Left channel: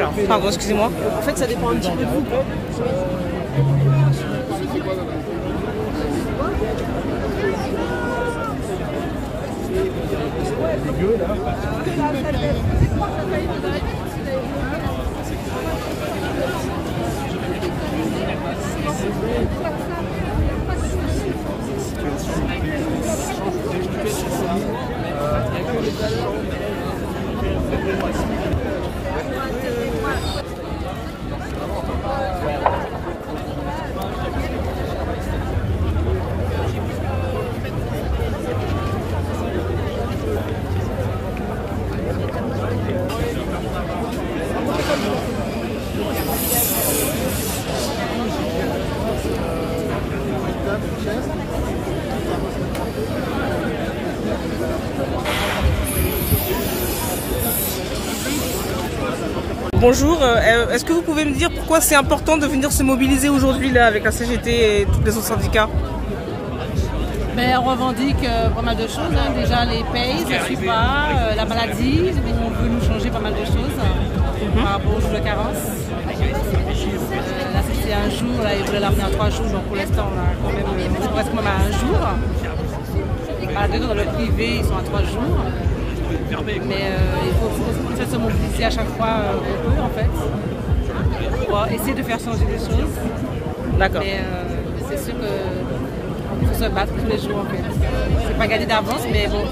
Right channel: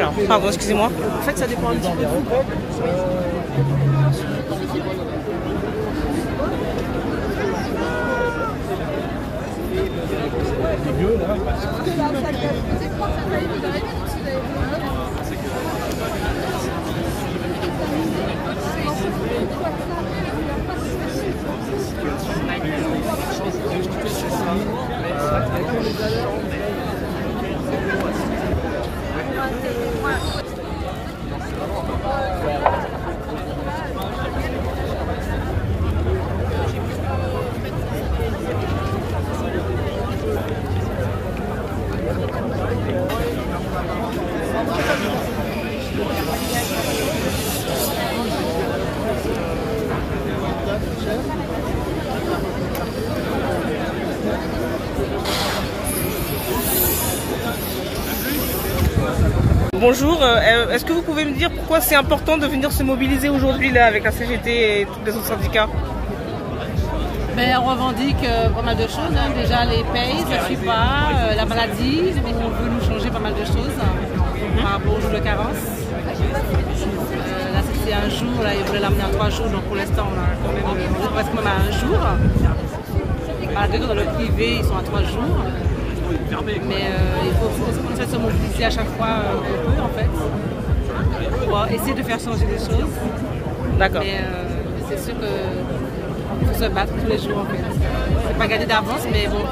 Alors, pardon, excusez-moi. En fait, ça dépend un petit peu de vous. Bonjour, est-ce que vous pouvez me dire pourquoi c'est important de venir se mobiliser aujourd'hui là avec la CGT et tous les autres syndicats? Ben, on revendique pas mal de choses, hein. Déjà les payes, ça ne suit pas, la maladie, on veut nous changer pas mal de choses par rapport au jour de carence. Là c'était un jour, là ils voulaient l'amener à 3 jours, donc pour l'instant on a quand même, on reste quand même à 1 jour. Malgré que dans le privé ils sont à 3 jours. Mais il faut qu'on essaie de se mobiliser à chaque fois qu'on peut en fait, pour essayer de faire changer des choses. D'accord. Mais c'est sûr qu'il faut se battre tous les jours en fait. C'est pas gagné d'avance, mais bon,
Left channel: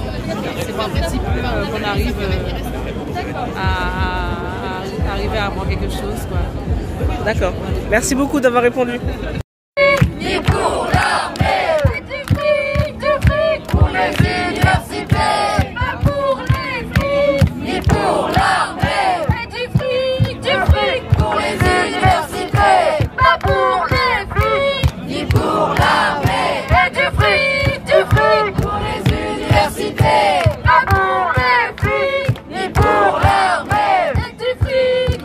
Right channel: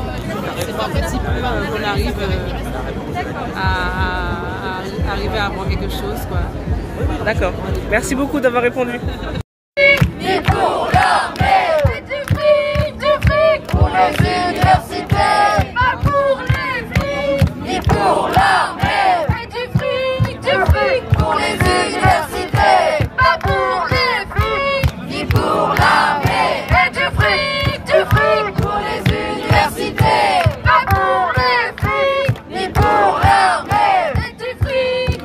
c'est pas un petit peu qu'on arrive à arriver à avoir quelque chose, quoi. D'accord. Merci beaucoup d'avoir répondu. Ni pour l'armée, du fric pour les universités, pas pour les filles, ni pour l'armée, du fric pour les universités, pas pour les filles, ni pour l'armée, du fric pour les universités, pas pour les filles, ni pour l'armée, du fric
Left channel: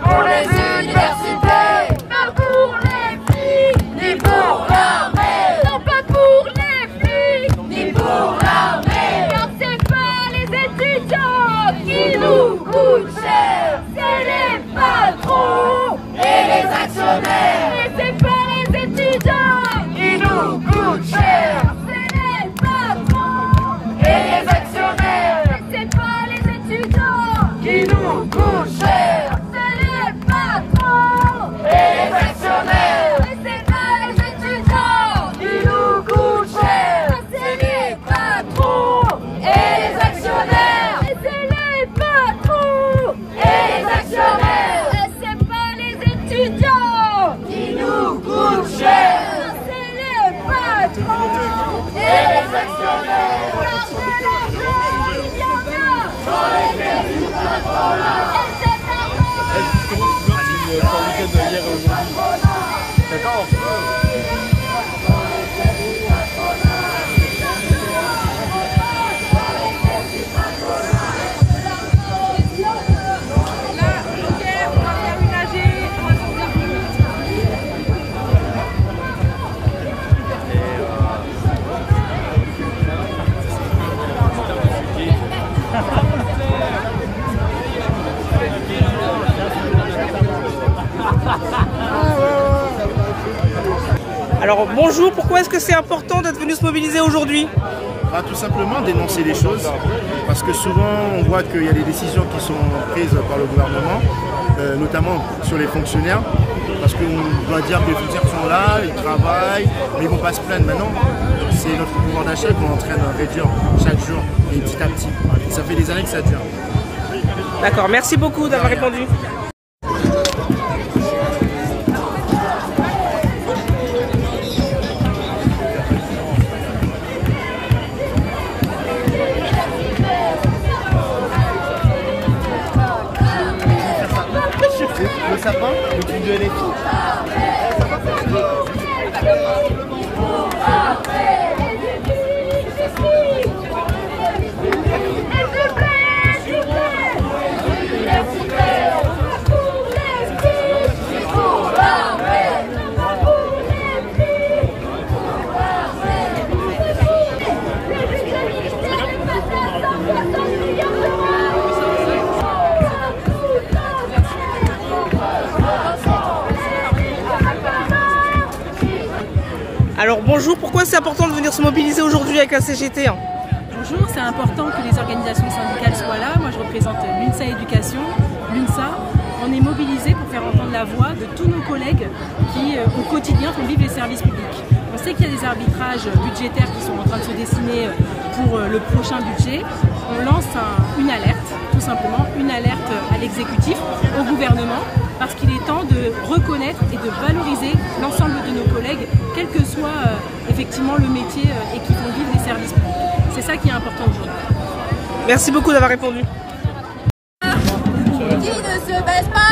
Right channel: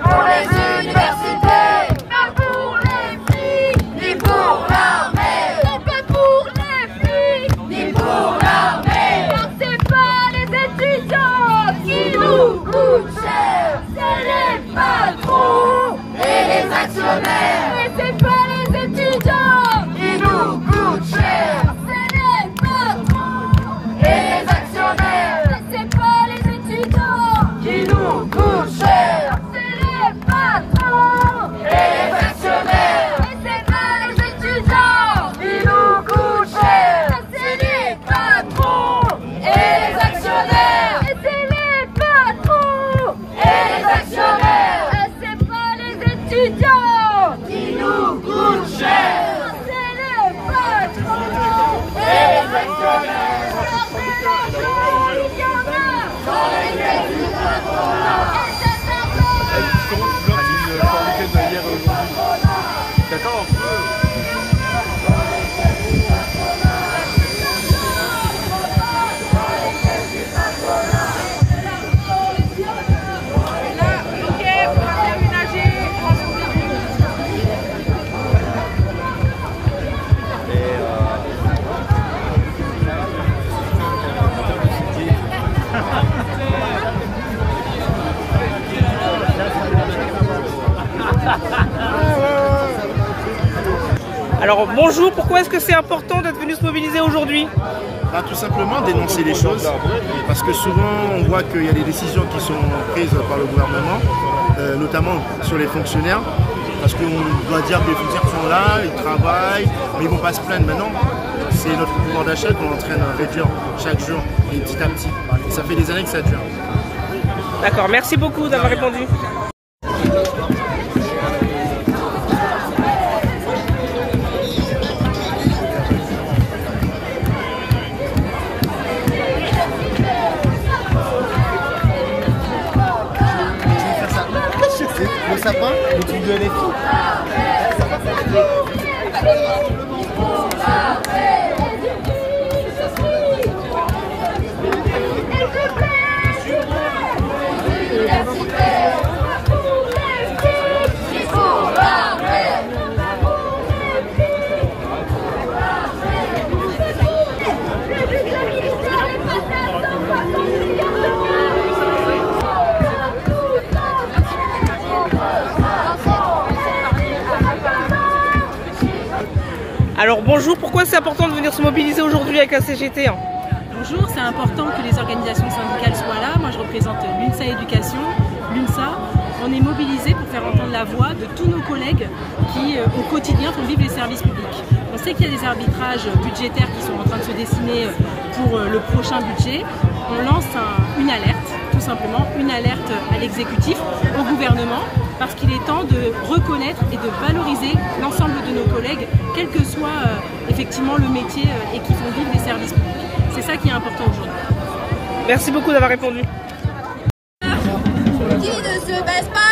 pour les universités, pas pour les filles, ni pour l'armée, non pas pour les filles, ni pour l'armée, car c'est pas les étudiants qui nous coûtent cher, c'est les patrons et les actionnaires, et c'est pas les étudiants qui nous coûtent cher, c'est les patrons et les actionnaires, et c'est pas les étudiants qui nous coûtent cher, c'est les patrons et les actionnaires, et c'est pas les étudiants qui nous coûtent cher, c'est les patrons et les actionnaires, et c'est les patrons et les actionnaires, et c'est pas les étudiants qui nous coûtent cher, c'est les patrons et les actionnaires, sans les aides du patronat. Alors bonjour, pourquoi est-ce que c'est important d'être venu se mobiliser aujourd'hui? Tout simplement dénoncer les choses, parce que souvent on voit qu'il y a des décisions qui sont prises par le gouvernement, notamment sur les fonctionnaires, parce qu'on doit dire que les fonctionnaires sont là, ils travaillent, mais ils ne vont pas se plaindre maintenant. C'est notre pouvoir d'achat qu'on est en train de réduire chaque jour, et petit à petit. Ça fait des années que ça dure. D'accord, merci beaucoup d'avoir répondu. Le sapin, le truc de LFI. Alors bonjour, pourquoi c'est important de venir se mobiliser aujourd'hui avec la CGT? Bonjour, c'est important que les organisations syndicales soient là. Moi je représente l'UNSA Éducation, l'UNSA. On est mobilisés pour faire entendre la voix de tous nos collègues qui au quotidien font vivre les services publics. On sait qu'il y a des arbitrages budgétaires qui sont en train de se dessiner pour le prochain budget. On lance une alerte, tout simplement, une alerte à l'exécutif, au gouvernement, parce qu'il est temps de reconnaître et de valoriser l'ensemble de nos collègues, quel que soit effectivement le métier et qui font vivre les services publics. C'est ça qui est important aujourd'hui. Merci beaucoup d'avoir répondu. Qui ne se baisse pas.